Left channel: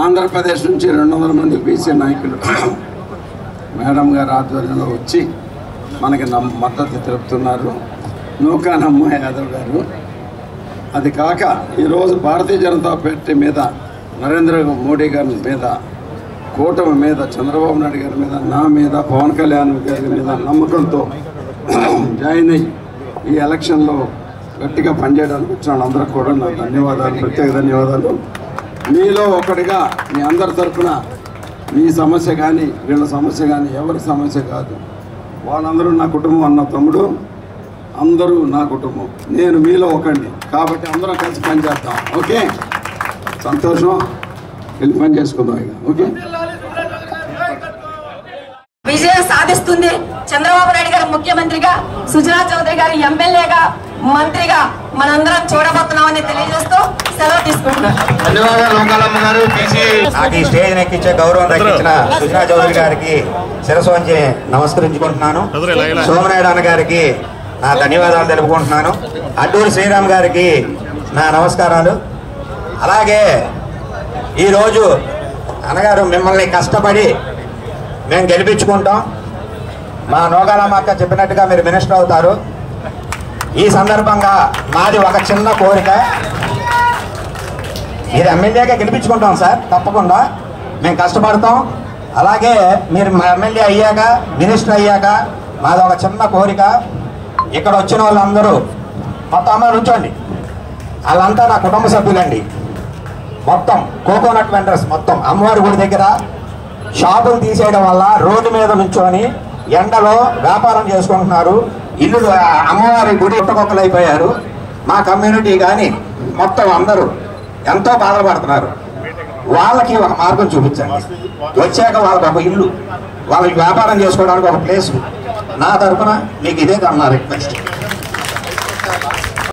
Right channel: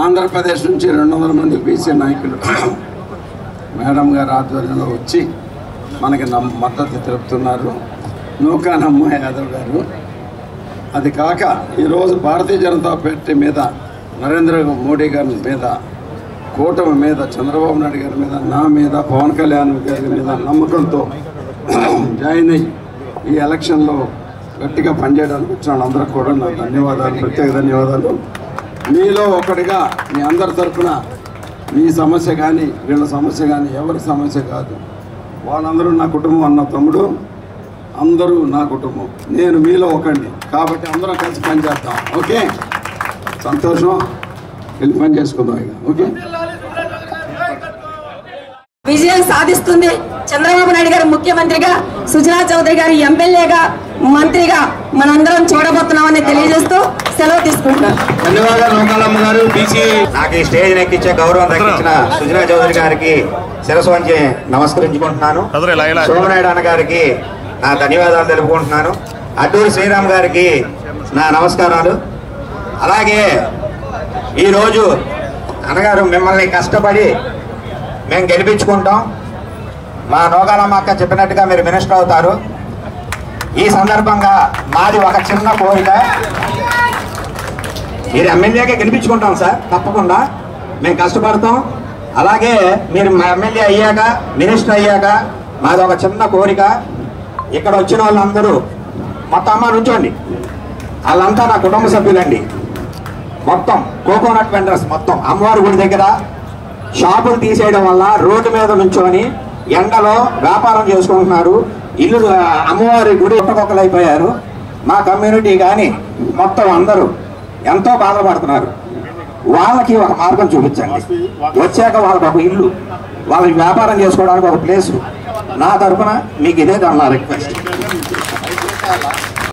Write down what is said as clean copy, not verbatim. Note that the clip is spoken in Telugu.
ఆంధ్రప్రదేశ్ నుంచి 200 మంది బీసీ నాయకులు మేడం గారి ఆధ్వర్యంలో వచ్చి మనకి మద్దతు తెలుపుతున్నారు. నూకానమ్మ యాదవ్ గారు. అది కాక ఈరోజు భారతీయ జనతా పార్టీ మీద, నరేంద్ర మోడీ గారి మీద, కూటమి మీద, చంద్రబాబు నాయుడు గారి మీద, నా మీద, పవన్ కళ్యాణ్ గారి మీద నమ్మకంతో జాయిన్ అయ్యి ఈ ఎలక్షన్లో గట్టిగా పనిచేయడానికి వచ్చిన అందరూ కూడా నా ధన్యవాదాలు, ప్రత్యేక ధన్యవాదాలు. మీలో ఒకటిగా మీ అందరి తరఫున మీ సమస్య కానీ వీళ్ళ సమస్య కానీ ఎవరి సమస్య కాదు, వాళ్ళందరూ నా కుటుంబం. అన్న తమ్ముడు అందరూ నా కుటుంబం, నేను మీలో ఒకండి. కాబట్టి అందరం కలిసి పనిచేద్దాం. ఓకే, సంతోషం. వెళ్ళి పని చేసుకుందాం ఇక. ఓకే, విజయం సాధిస్తుంది. చంద్రబాబు నాయుడు గారు ముఖ్యమంత్రిగా, సుజనా చౌదరి గారు ఎమ్మెల్యేగా, మంత్రిగా మనందరం చూడబోతున్నామని తెలియజేస్తూ సెలవు తీసుకుంటున్నాం. ధన్యవాదాలు. స్టేజ్ ఎక్కించే గౌరవం సుజనా చౌదరి గారికి శిరస్సు వంచి నమస్కరించుకుంటున్నాను. సోమనాయుడు అన్న గారికి నా ధన్యవాదాలు తెలుపుకుంటున్నాను. అడ్డూరి శ్రీరామ్ గారికి నా నమస్కారాలు. అలాగే ఈరోజు అన్నగారు మిమ్మల్ని కష్టపడి మేము గెలిపించుకుంటాం. మా నోగాలమ్మ అక్క చెప్పినట్టుగా మీరు మినిస్టర్ అవుతారు. ఈ సందర్భంగా మాది ఒక చిన్న కోరిక, మీరు ఎమ్మెల్యేగా గెలిపించుకుంటాం సార్, తప్పకుండా మేము కష్టపడతాం. అలాగే మీరు మా ఎమ్మెల్యే అయ్యాక, మినిస్టర్ అయ్యాక మాది ఒక చిన్న కోరిక, ఇక్కడ వచ్చిన వాళ్ళందరూ మొత్తం అమ్మ నుంచోండి, వాళ్ళంతా నా కుటుంబ సభ్యులండి. మొత్తం కోకోనట్ వెండర్స్ మొత్తం అమ్మవారి గుడి దగ్గర షాపులు తీసేయడం వల్ల రోడ్డు మీద నుంచొని ఎండలో వ్యాపారం చేసుకుంటున్నారు. ఇల్లు అమ్మవారి గుడి ఒట్టుకొక్కలు అయిపోయారు. మా కమ్యూనిటీ కానీ మొత్తం అందరూ ఎంతో బాధపడుతున్నారు. వాళ్ళకి ఒక మార్గం చూపించండి. వచ్చాక వాళ్ళకి ఒక ఇల్లు, వాళ్ళకి వ్యాపారం చేసుకోవడానికి ఒక ప్లేసు. నా తరఫున మీకు ఇదే నా రిక్వెస్ట్.